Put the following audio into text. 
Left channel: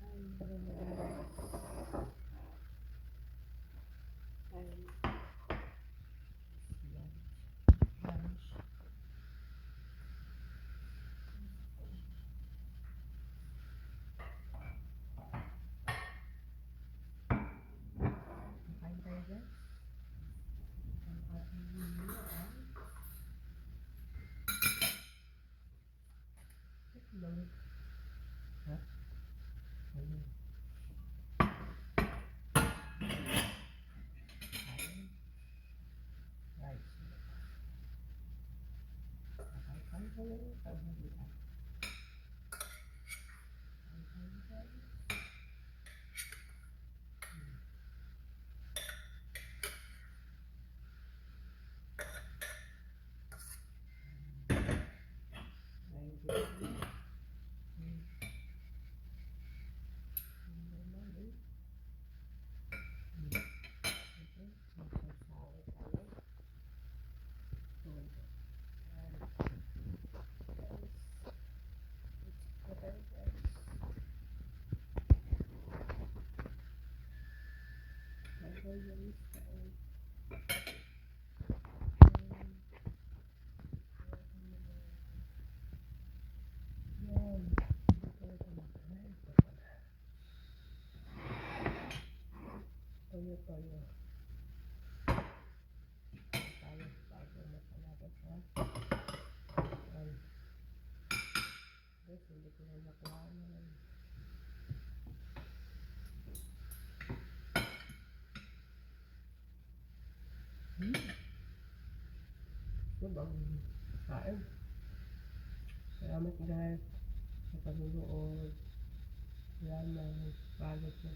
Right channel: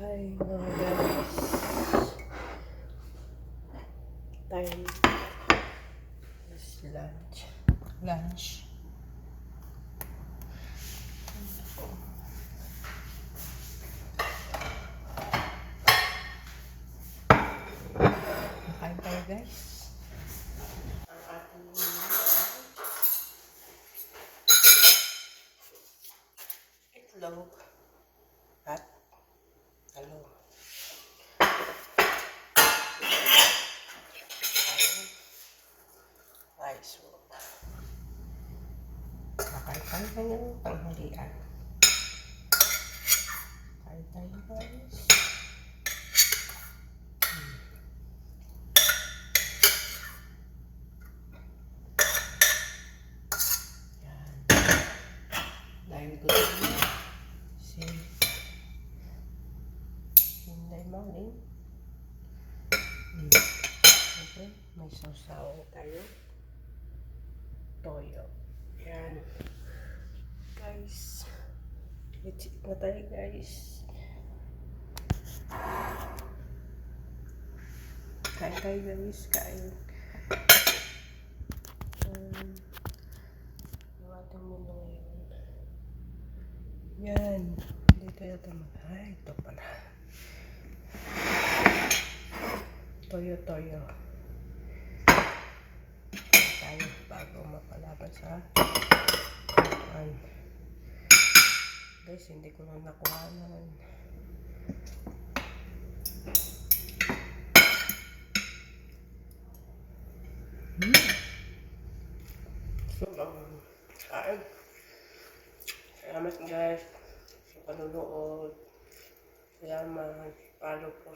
Hi mga guys. Time is lunch. Lunch. Makain tayo guys. Ang ating itlog at talong. Rice. Makain tayo ng tanghalian. Kain tayo guys. Dahil ko din si Inday Maling. Okay, may sausaw tayo. Toyo. Yan. Guys. Let's eat na tayo guys. Kain tayo guys. Kain. Iwatan mo na ngayon. Yan. Dito yata ay, ito pala. Toyo. Tayo bago mapalaban sa guys, hindi ko lang nakuha naman. So, kain. Salamat guys sa panunood. Salamat. Follow po.